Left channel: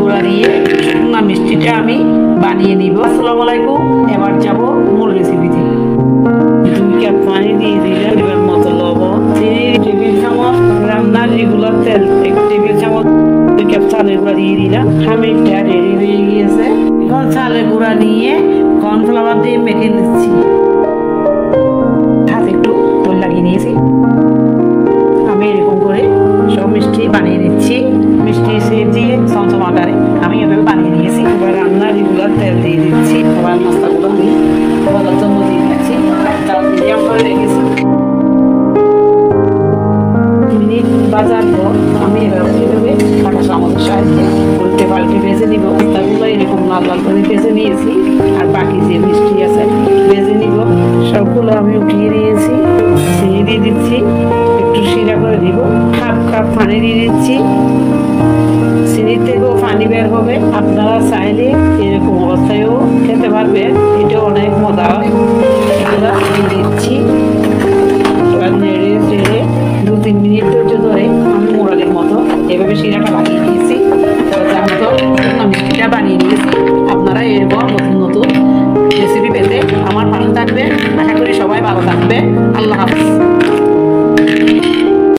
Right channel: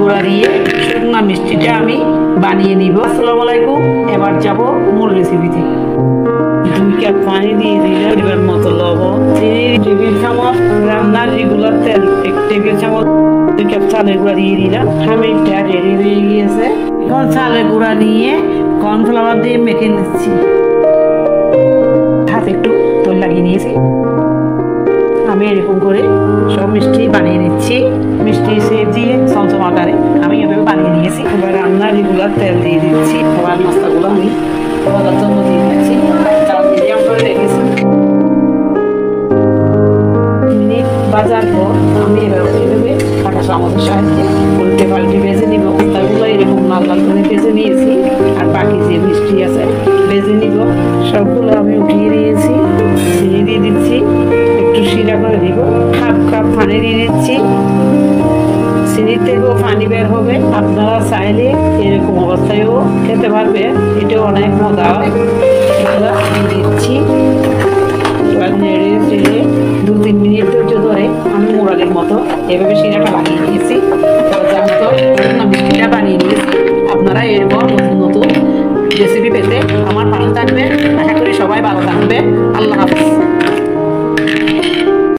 গুঁড়া দিয়ে শুকনা মিষ্টিটা আমি বানিয়ে নিব। আসসালামু আলাইকুম। এবার যাব মূল রেসিপিতে। 2 কাপ পানি দিয়ে দিলাম, পরিমাণ মতো লবণ, 3 টেবিল চামচ রান্নার রেগুলার তেল, 1 টেবিল চামচ, 2 কাপ চালের গুঁড়া দিয়ে দিলাম। খামিরটা রেডি হয়ে গিয়েছে। এখন চালের গুঁড়া নিয়ে কর্নফ্লাওয়ার দিয়ে মেখে নিচ্ছি। হাতে একটু তেল লাগিয়ে নিয়েছি। আমি এরকম করে সব মিষ্টি বানিয়ে নিচ্ছি। মিষ্টি শেপ দিয়ে চমচম আকারে আমি এভাবে বানিয়ে নিয়েছি। এবার রান্নার রেগুলার তেল দিয়ে দিচ্ছি। এবার নাস্তাগুলো আমি ভাজার জন্য দিয়ে দিচ্ছি। জাল মিডিয়াম করে রেখেছি। মিনিট ভাজার পর আমি এভাবে কাঁটা চামচের সাহায্যে উল্টে পাল্টে ভেজে নিব। নাস্তাগুলো এরকম লাল লাল করে ভেজে নিয়েছি। আর বাকি যে মিষ্টি আছে ভেজে নিব। সবগুলো আমি উঠিয়ে নিয়েছি। চিনি দিয়ে দিচ্ছি, একটু শিরা করে দিব। 1/2 কাপ পানি দিয়ে দিচ্ছি। চিনির থেকেও পানি বের হবে। আপনারা চাইলে এরকম অবস্থায়ও খেতে পারবেন, এটা অনেক মজা হয়। এগুলো দিয়ে দিচ্ছি। এবার নেড়ে চেড়ে 2-3 মিনিট ধরে আমি মোড়ালের মতো এভাবে শিরাটা লাগিয়ে দিয়েছি। যার মতো শুকনো মিষ্টিটা বানিয়ে নিয়েছি। আপনারা এরকম নতুন নতুন রেসিপি পেতে আমার পাশে থাকবে। আশা করি সবাই ভালো থাকবে। আল্লাহ হাফেজ।